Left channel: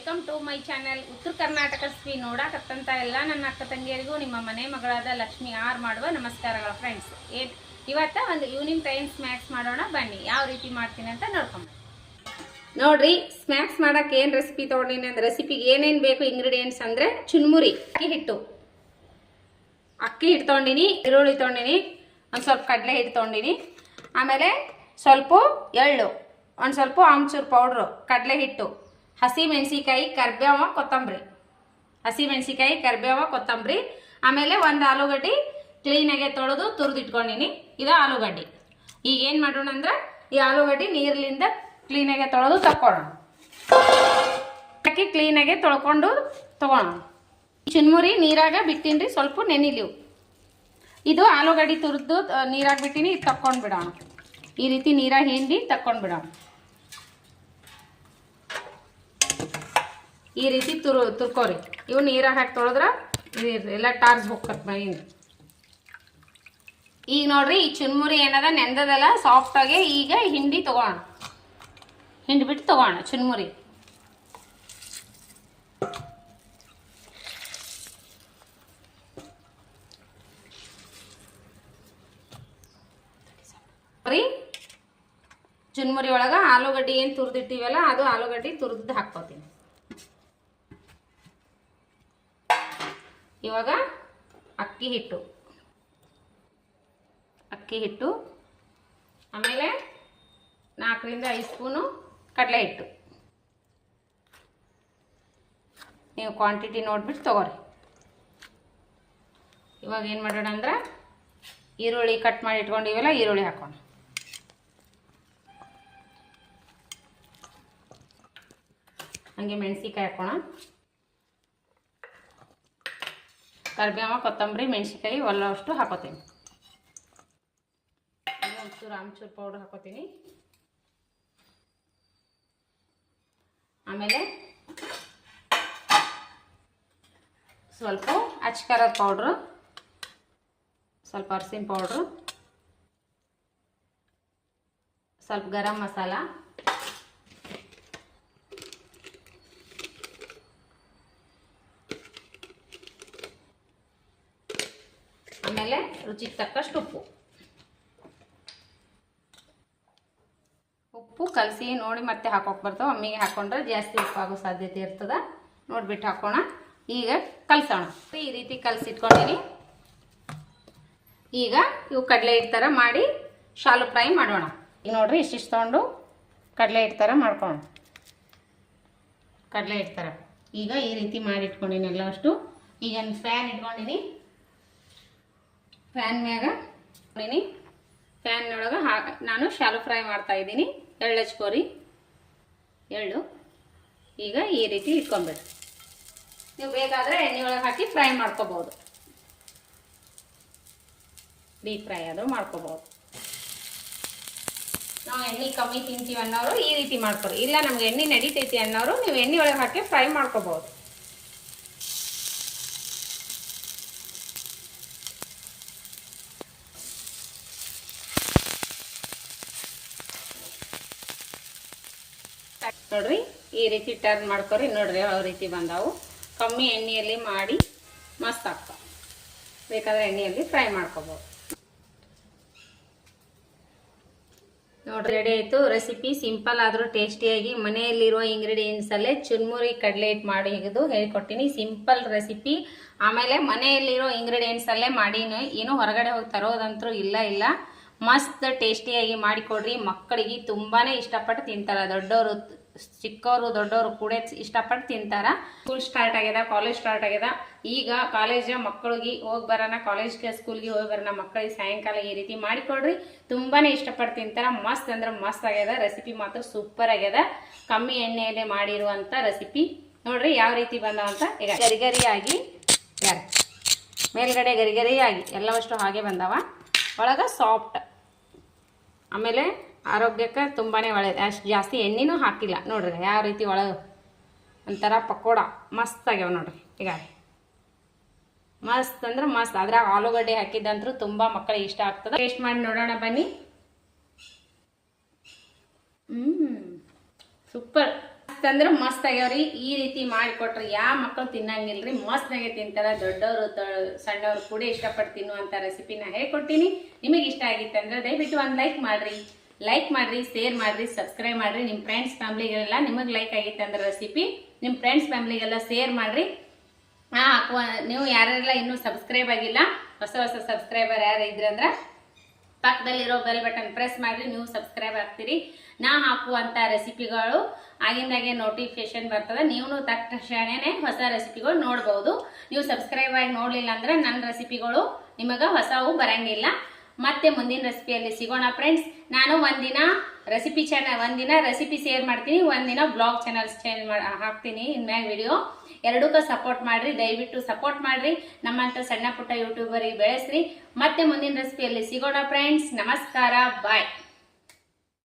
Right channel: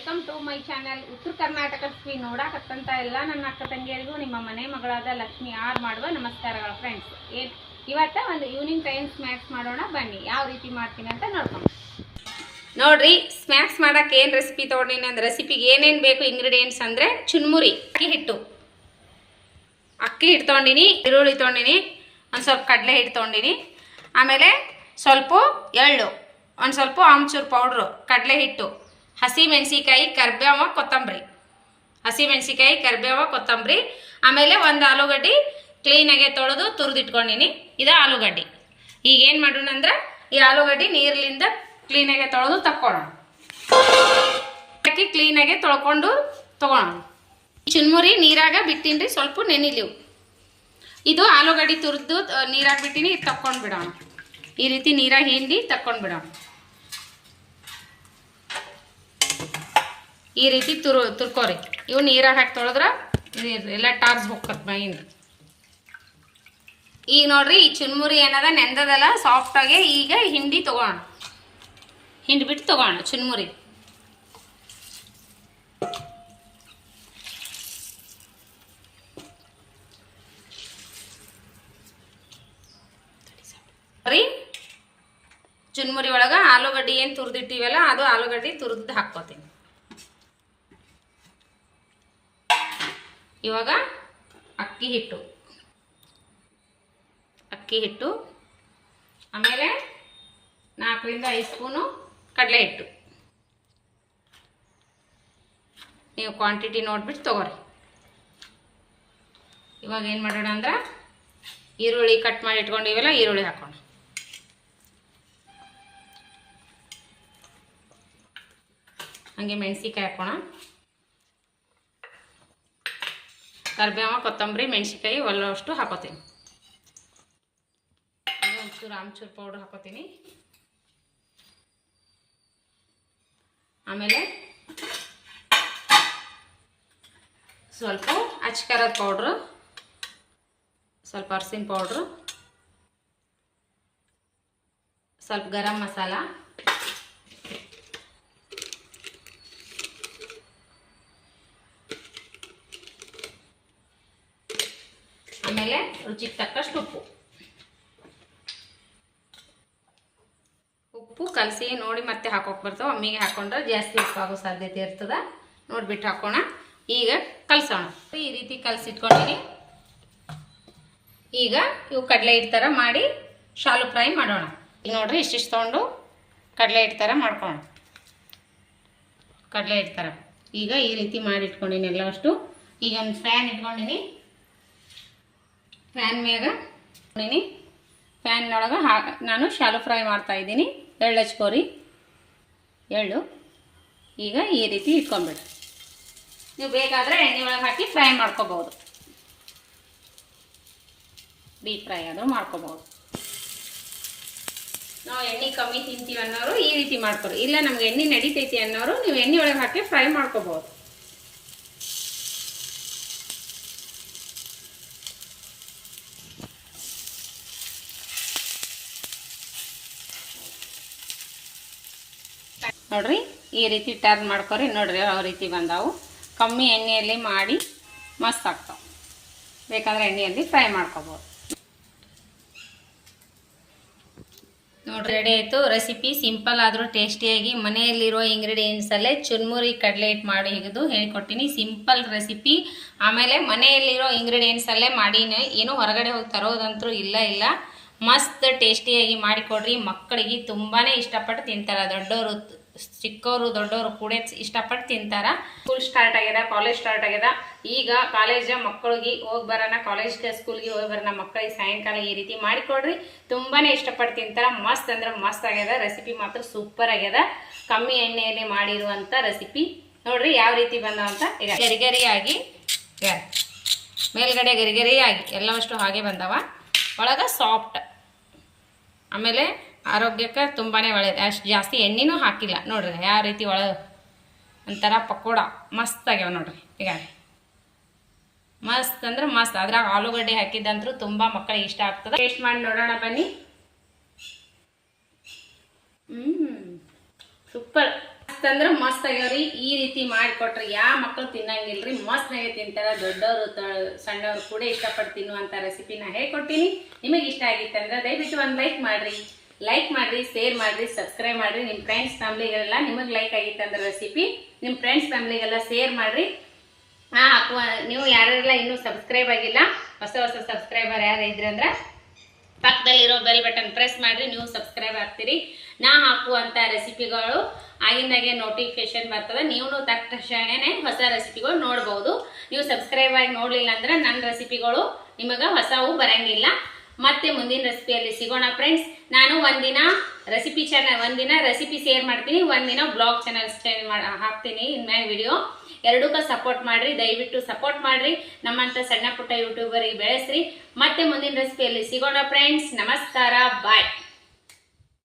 Welcome to my channel. ಉತ್ತರ ಕರ್ನಾಟಕ ಸ್ಪೀ ನೋಡಾಕತ್ತಂತ ಎಲ್ಲ ನನ್ನ ಅಕ್ಕ ತಂಗಿಯರಿಗೂ ನಿಮ್ಮ ಮನೆ ಮಗಳಾದ ಲಕ್ಷ್ಮಿ ಆರ್ ಮಾಡುವ ನಮಸ್ಕಾರಗಳು ಫ್ರೆಂಡ್ಸ್. ಇವತ್ತ ಒಂದು ಈವ್ನಿಂಗ್ ಟೈಮ್ ಸ್ನ್ಯಾಕ್ಸ್ ಮಾಡೋಣ ಬನ್ನಿ. ಯಾವ ರೀತಿ ಮಾಡ್ತೀನಿ ಅಂತ ನೋಡ್ಕೊಂಡು ನೋಡ್ರಿ. ಸ್ನ್ಯಾಕ್ಸ್ ಮಾಡೋಕೆ ಏನು ರೆಸಿಪಿ ತೊಗೊಂಡಿನಿ ಅಂದ್ರೆ ರೆಸಿಪಿಗೆ ಏನೇನು ಬೇಕು ಇಂಗ್ರೀಡಿಯೆಂಟ್ಸ್ ಅಂದರೆ ಚುನ್ಮುರಿ ಅಕ್ಕಿ ಹಿಟ್ಟು ತೊಗೊಂಡಿನಿ, ಈರುಳ್ಳಿ ತೊಗೊಂಡಿನಿ, ಒಂದು ಸ್ವಲ್ಪ ಕಡಲೆ ಹಿಟ್ಟು ತೊಗೊಂಡಿನಿ, ಆಮೇಲೆ ಸ್ವಲ್ಪ ಎಳ್ಳು, ಒಂದು ಸ್ವಲ್ಪ ಆಮ್ಚೂರು ಪೌಡ್ರು, ಕಡಲೆ ಹಿಟ್ಟು, ಹಸಿ ಮೆಣಸಿಕಾಯಿ, ಕರಿಬೇವ, ಕೊತ್ತಂಬರಿ, ಆಮೇಲೆ ಒಂದು ಆಲೂಗಡ್ಡೆ ಕ್ಲೀನಾಗೆ ತೊಳೆದು ತುರಿದಿಟ್ಕೊಂಡಿನಿ. ಇದು ಆಲೂಗಡ್ಡೆ. ಈಗ ಏನು ಮಾಡೋಣ ಅಂದ್ರೆ ಈ ಆಲೂಗಡ್ಡೆ ನೀರಿನಿಂದ ಕ್ಲೀನಾಗೆ ತೊಳೆದು ತಕ್ಕೊಳ್ಳೋಣ. ಹಾಕಿ ಕ್ಲೀನಾಗೆ ತೊಳ್ಕೊಂಡು ತೊಗೊಳೋಣ. ಚುನ್ಮುರಿ ನೀರಾಗ ಬಿಟ್ಟಿನ್ರಿ, ಸ್ವಲ್ಪ ನೆನಿಲಿವು. ಇದು ಆಲೂಗಡ್ಡೆ ತುರಿದು ನೀರಾಗ ಬಿಟ್ಟಿನಿ, ಇದು ತಕ್ಕೊಂಡು ಬಿಡೋಣ. ಈ ರೀತಿ ನೀರಾಗ ಹಿಂಡಿ ತಕ್ಕೊಂಡು ಬಿಡೋಣ. ಈ ರೀತಿ ತುರ್ಕೋರಿ. ಇವು ನೀರಾಗ ಹಾಕಿ ತೊಳೆದ್ರೆ ಎಲ್ಲ ಟಾರ್ಸ್ ಹೋಗ್ತದೆ ಮೈಯಿಂದ. ಈಗ ನೋಡ್ರಿ, ಈ ಚುನ್ಮುರಿ ಏನದ ನೆಂದದಲ್ಲ ಸಾಫ್ಟಾಗಿ. ಈಗ ಹಿಂಡಿ ತೊಗೋಣ, ಹಿಂಡ್ಬಿಟ್ಟು ತೊಗೋಣ ಚುನ್ಮುರಿ. ಚುನ್ಮುರಿ ಒಳಗೆ ಆಲೂಗಡ್ಡೆ ಏನು ತುರಿದಿಟ್ಟಿವಲ್ಲ ಅದು ಆಲೂಗಡ್ಡೆ ತುರಿದು ಹಾಕ್ಕೋತೀನಿ. ಇವಾಗ ಅಕ್ಕಿ ಹಿಟ್ಟು, ಆಮೇಲೆ 4 ರಿಂದ 5 ಸ್ಪೂನು ಕಡಲೆ ಹಿಟ್ಟು. ನೀವು ಕ್ವಾಂಟಿಟಿ ನೋಡ್ಬಿಟ್ಟು ತೊಗೋರಿ. ಇವಾಗ ಏನು ಮಾಡೋಣ ಅಂದ್ರೆ ಈರುಳ್ಳಿ ಕಟ್ ಮಾಡಿ ಇಟ್ಕೊಂಡಿವಲ್ಲ, ಈರುಳ್ಳಿ ಹಾಕೋಣ. ಹಾಗೆ ಮೆಣಸಿಕಾಯಿ ಹಾಕೋಣ. ಕರಿಬೇವ, ಕೊತ್ತಂಬರಿ, ಮೆಣಸಿಕಾಯಿ ಒಲ್ಲವಷ್ಟು ಹಾಕೋತೀನಿ. ಒಂಚೂರು ಆಮ್ಚೂರು ಪೌಡ್ರ್ ಹಾಕೋತೀನಿ. ಆಮೇಲೆ ಸ್ವಲ್ಪ ಅಚ್ಕಾರದ ಪೌಡ್ರು, ಸ್ವಲ್ಪ ಅರಸಿನ ಪೌಡ್ರು, ಸ್ವಲ್ಪ ಗರಂ ಮಸಾಲ, ಆಮೇಲೆ ರುಚಿಗೆ ತಕ್ಕಷ್ಟು ಉಪ್ಪು ಕಲಸಿ ನೋಡಿ ಮತ್ತೆ ಹಾಕೋಕೆ ಬರ್ತಾವೆ. ಒಮ್ಮಿಗೆ ಹಾಕೊಂಡ್ರೆ ಜಾಸ್ತಿ ಉಪ್ಪಾಗೋ ಸಾಧ್ಯತೆ ಇರ್ತದೆ. ನೋಡ್ಬಿಟ್ಟು ಹಾಕೋಣ. ಈಗ ಕಲಸೋಣ. ಈ ರೀತಿ ಕಲಸಿಟ್ಕೊಂಡಿನಿ. ಈಗ ಇವು ಕಡಲೆ ಹಿಟ್ಟು ಥರ ಮಾಡಿ ಶಾಲು ಫ್ರೈ ಮಾಡೋಣ. ಈಗ ನೋಡ್ರಿ, ಇಷ್ಟಿಷ್ಟು ತೊಗೊಂಡು ಕಡಲೆ ಹಿಟ್ಟು ಥರ ಮಾಡ್ಕೊಳ್ಳೋಣ. ಕಡಲೆ ಹಿಟ್ಟು ಥರ ಈಗ ಈ ರೀತಿ ಮಾಡಿ ಇಟ್ಕೊಂಡಿನಿ ಎಲ್ಲ ಅಷ್ಟು. ಈಗ ಒಂದು ಫ್ಯಾನ್ ಇಟ್ಕೊಂಡಿನಿ. ಫ್ಯಾನ್ ಮ್ಯಾಗ ಫ್ಯಾನ್ನೊಳಗೆ ನಾನು ಶಾಲು ಫ್ರೈ ಮಾಡ್ತಾ ಇದ್ದೀನಿ. ಎಳ್ಳು ಹಚ್ಕೋರಿ. ಎಳ್ಳು ಈಗ ಈ ರೀತಿ ಇಟ್ಕೊಂಡ್ಬಿಡ್ರಿ. ನೀವು ಬೇಕಾದರೆ ಎಣ್ಣೆ ಒಳಗೆ ಹಾಕಿ ಫ್ರೈ ಮಾಡ್ಕೋಬಹುದು. ಡೀಪ್ ಫ್ರೈ ಆದರೂ ಮಾಡ್ಕೋಬಹುದು. ನಾವು ಎಣ್ಣೆ ಕಮ್ಮಿ ತಿಂತೀವಿ ಅನ್ನೋರು ಈ ರೀತಿ ಮಾಡ್ಕೊರಿ. ಇಲ್ಲ ನಮ್ಗೆ ಎಣ್ಣೆ ನಡೀತೈತಿ ಅನ್ನೋರು ನೀವು ಎಣ್ಣೆ ಒಳಗೆ ಹಾಕಿ ಫ್ರೈ ಮಾಡ್ಕೋಬಹುದು. ನೋಡ್ರಿ, ಈ ರೀತಿ ಟರ್ನ್ ಮಾಡ್ಕೊರಿ. ನೋಡ್ರಿ ಯಾವ ರೀತಿ ಬಂದಾವು. ಕಮ್ಮಿ ಎಣ್ಣೆಯಲ್ಲಿ ಮಾಡಿ ಮಸ್ತ್ ಆಗ್ತಾವೆ. ಬೇಕಾದ್ರೆ ಎಣ್ಣೆಯಲ್ಲಿ ಫ್ರೈ ಮಾಡ್ಕೋಬೋದು. ನೋಡ್ರಿ, ರೆಡಿ ಆಯಿತು. ರೆಸಿಪಿ ಸಿಂಪಲ್ ಆದರೂ ಟೇಸ್ಟಿಯಾಗಿ ಮನೆಯಲ್ಲಿರೋ ಇಂಗ್ರೀಡಿಯೆಂಟ್ಸಲ್ಲೇ ಚುನ್ಮುರಿ ಕಡಲೆ ಹಿಟ್ಟು ಮಾಡಿ ಹಿಡಿದು ಹೇಳಿಕೊಟ್ಟಿನಿ. Simple recipe. ಆಮೇಲೆ ಮನೆಯಲ್ಲಿರೋ ಇಂಗ್ರೀಡಿಯೆಂಟ್ಸಲ್ಲೇ ಮಾಡೀನಿ. ಏನೂ ಹೊರಗಡೆ ಹೋಗಿ ತರೋದಂತರೂ ಇಲ್ಲ. ಮಸ್ತ್ ಟೇಸ್ಟಿಯಾಗಿ ಮಾಡಿಕೊಡ್ರಿ. ಮಕ್ಕಳಿಗೆ ತುಂಬಾ ಇಷ್ಟಪಟ್ಟು ತಿಂತಾರೆ. ದೊಡ್ಡವರು, ಚಿಕ್ಕವರು, ದೊಡ್ಡವರು ಕೂಡ ಇಷ್ಟಪಟ್ಟು ತಿಂತಾರೆ. ಸ್ಕೂಲ್ ಸ್ಟಾರ್ಟ್ ಆಗ್ಯದ, ಕಾಲೇಜ್ ಸ್ಟಾರ್ಟ್ ಆಗ್ಯದ. ಈಗ ಕಾಲೇಜ್ ಮಕ್ಕಳಿಗೆ ಹೋಗಿ ಬರೋಣ, ಕಾಲೇಜ್ಗೆ ಸ್ಕೂಲ್ಗೆ ಹೋಗಿ ಬರೋಣ ಮಕ್ಕಳಿಗೆ ಸಾಯಂಕಾಲ ಈ ರೀತಿ ಮಾಡಿಕೊಡ್ರಿ. ತುಂಬಾ ಇಷ್ಟಪಟ್ಟು ತಿಂತಾರೆ. ಮಸ್ತ್ ಅಂದ್ರೆ ಮಸ್ತ್ ಆಗ್ಯದ. ರೆಸಿಪಿ ಮಾತ್ರ ಸೂಪರ್ ಆಗ್ಯದ. ಕಮ್ಮಿ ಎಣ್ಣೆಯಲ್ಲಿ ಮಾಡಿರುವಂಥ ರೆಸಿಪಿ. ನೋಡ್ರಿ ಯಾವ ರೀತಿ ಬಂದವಂತ. ಈಗ ಗರಿಗರಿಯಾಗಿ ಮೇಲ್ಗಡೆ ಗರಿಗರಿಯಾಗಿ ಎಲ್ಲವಷ್ಟು ಹಾಗೆ ಬಂದವ. ಒಳಗೆ ಸಾಫ್ಟ್. ಆಮೇಲೆ ಆರೋಗ್ಯಕ್ಕೆ ತುಂಬಾ ಒಳ್ಳೆಯದು. ಅಷ್ಟು ಜಾಸ್ತಿ ಎಣ್ಣೆನೂ ಹಾಕಿಲ್ಲ. ನೋಡ್ರಿ ಯಾವ ರೀತಿ ಒಳಗೆ ಒಂಥರ ಪಕೋಡ ಮಸ್ತ್ ಆಗ್ಯಾವ. ನೋಡ್ರಿ ಈಗ ಮಸ್ತ್ ಅಂದ್ರೆ ಮಸ್ತ್. ಅದ್ರಾಗ ಆಲೂಗಡ್ಡೆ ಹಾಕಿದ್ದಂತರೂ ತುಂಬ ಮಕ್ಕಳಿಗೆ ಇಷ್ಟ ಆಗ್ತದೆ. ಟೇಸ್ಟ್ ಮಾಡಿ ನೋಡೋಣ ಬನ್ನಿ. ಸೂಪರ್. ಮಸ್ತ್ ಅಂದ್ರೆ ಮಸ್ತ್ ಆಗ್ಯಾವ್ರಿ. ಈ ರೀತಿ ಮಾಡಿಕೊಟ್ರೆ ಯಾವ ಮಕ್ಕಳು ತಿನ್ನಂಗಿಲ್ರಿ, ಮಸ್ತ್ನಾಗೆ ತಿಂತಾರೆ. ದೊಡ್ಡವರು ಸಣ್ಣವರು ಕೂಡ ಇಷ್ಟಪಟ್ಟು ತಿನ್ನುವಂಥ ರೆಸಿಪಿನ ಹೇಳ್ಕೊಟ್ಟಿನಿ. ನಿಮಗೆ ಇಷ್ಟ ಆಗಿತ್ತಂದ್ರೆ ದಯವಿಟ್ಟು ಒಂದು ಲೈಕ್ ಮಾಡಿರಿ, ಶೇರ್ ಮಾಡಿರಿ, ಸಬ್ಸ್ಕ್ರೈಬ್ ಮಾಡಿರಿ. ನಿಮ್ಮ ಫ್ರೆಂಡ್ಸ್ ಫ್ಯಾಮ್ಲಿಗೆಲ್ಲ ನಿಮಗೆ ಲೈಕ್ ಆಗಿತ್ತಂದ್ರೆ ರೆಸಿಪಿ ನಿಮ್ಮ ಫ್ರೆಂಡ್ಸ್ ಫ್ಯಾಮ್ಲಿಗೆಲ್ಲ ಶೇರ್ ಮಾಡಿರಿ. ನೀವು ಯಾರೆಲ್ಲ ಇನ್ನೂ ಸಬ್ಸ್ಕ್ರೈಬ್ ಆಗಿಲ್ಲ, ಹೊಸ ಸಬ್ಸ್ಕ್ರೈಬರ್ ಯಾರು ಇದ್ರಂದ್ರೆ ಪಕ್ಕದಲ್ಲಿರೋ ಬೆಲ್ ಬಟನ್ ಪ್ರೆಸ್ ಮಾಡಿರಿ, ನೀವು ಸಬ್ಸ್ಕ್ರೈಬ್ ಆಗ್ತೀರಿ. ನಾ ಹಾಕುವಂಥ ರೆಸಿಪಿಗಳು ಆಗಿಂದಾಗೆ ನೋಟಿಫಿಕೇಶನ್ ಬರ್ತದೆ. ನೀವು ತಕ್ಷಣನೇ ಹೊಸ ರೆಸಿಪಿಗಳು ನೋಡ್ಬೋದು. ನೀವು ಸಬ್ಸ್ಕ್ರೈಬ್ ಆಗಿ ನೋಡಲಿಲ್ಲ ಅಂದ್ರೆ ನನ್ನ ರೆಸಿಪಿಗಳು ನಿಮಗೆ ಹೊಸವು ಬರಂಗಿಲ್ಲ. ಮತ್ತೆ ಮುಂದಿನ ರೆಸಿಪಿಯಲ್ಲಿ ಸಿಗೋಣ ಫ್ರೆಂಡ್ಸ್. ನಾನು ಒಂದಿನ ರೆಸಿಪಿ ಶೇರ್ ಮಾಡ್ತೀನಿ, ಒಂದಿನ ಬ್ಲಾಗ್ ಚಾನಲ್ ಹಾಕ್ತೀನಿ. ಇನ್ಮ್ಯಾಗ ವಿಡಿಯೋ ಎರಡಕ್ಕೂ ಸಪೋರ್ಟ್ ಮಾಡಿರಿ, ದಯವಿಟ್ಟು ಸಪೋರ್ಟ್ ಮಾಡಿರಿ. ನಮ್ಮಂಥ ಸಣ್ಣ ಪುಟ್ಟ ಯೂಟ್ಯೂಬರಿಗೆ ಬೆಳೆಸ್ರಿ. ಮತ್ತೆ ಮುಂದಿನ ರೆಸಿಪಿಯಲ್ಲಿ ಸಿಗೋಣ ಫ್ರೆಂಡ್ಸ್. ನಮಸ್ಕಾರ, ಬಾಯ್.